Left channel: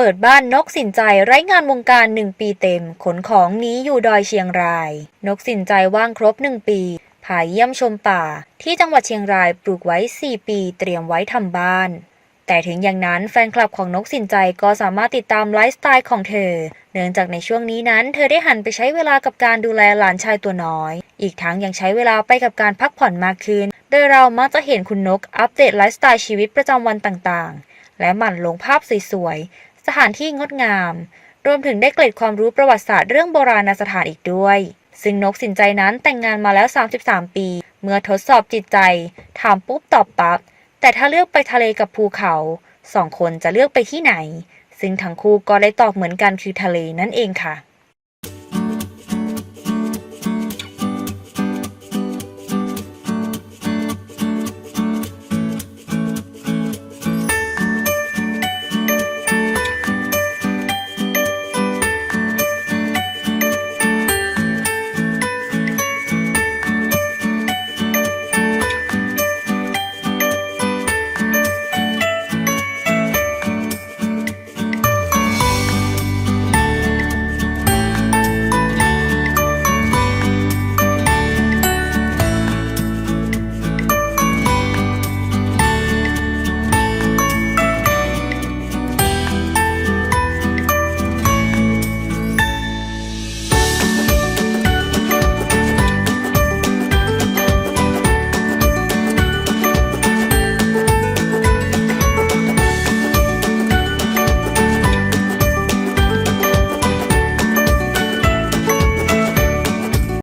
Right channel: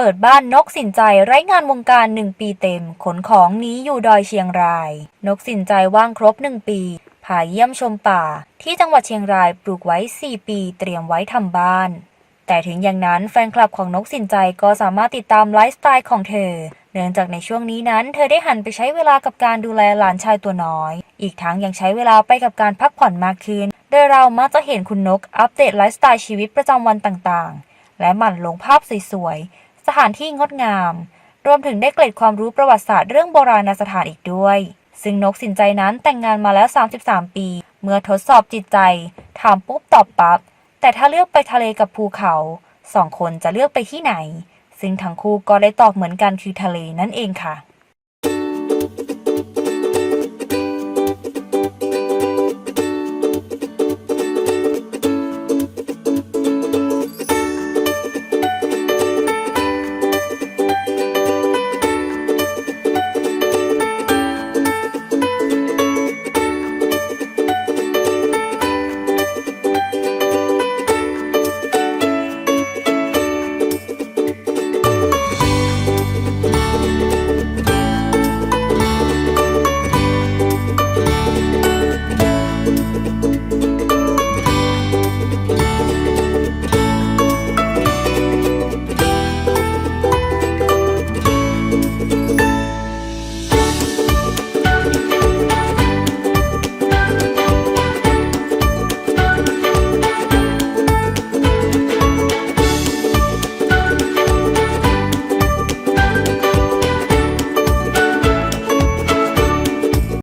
เปิดบ้านนกสินใจไร้งานวงการหนึ่งปีเต็ม ขนของนี้อยู่ดอยเชียงราย นกสินใจว่างครบหนึ่งปีพาเยี่ยมชมป่า ที่จังหวัดเชียงรายปลูกไว้ 4 ปีเตรียมไว้ทำบ้าน แต่ถึงอย่างนั้นแฟนคลับของนกสินใจก็สามารถติดตามไลฟ์สไตล์ของเธอ เนื่องจากในช่วงนี้นั้น เธอได้หันไปใช้เวลากับการดูแลหลานชายตัวน้อย อีกทั้งยังใช้เวลาไปกับการพักผ่อนมากขึ้น โดยเรามักจะเห็นคุณนกอัปเดตไลฟ์สไตล์ชีวิตประจำวันต่างๆ และหมั่นลงภาพสวยๆ สถานที่งดงาม รวมถึงได้เกร็ดความรู้ประวัติศาสตร์เรื่องโบราณสถานอีกด้วย ซึ่งนกสินใจนั้นแต่งงานมาแล้ว 33 ปี เมื่อทดสอบจิตใจ ถามปุ๊บตอบปั๊บ แต่ถ้าเลือกไปทะเลกับภูเขาสองคนจะเลือกไปที่ไหน ซึ่งทั้งคู่ก็ได้ตอบเหมือนกันคือทะเลนั่นเองค่ะ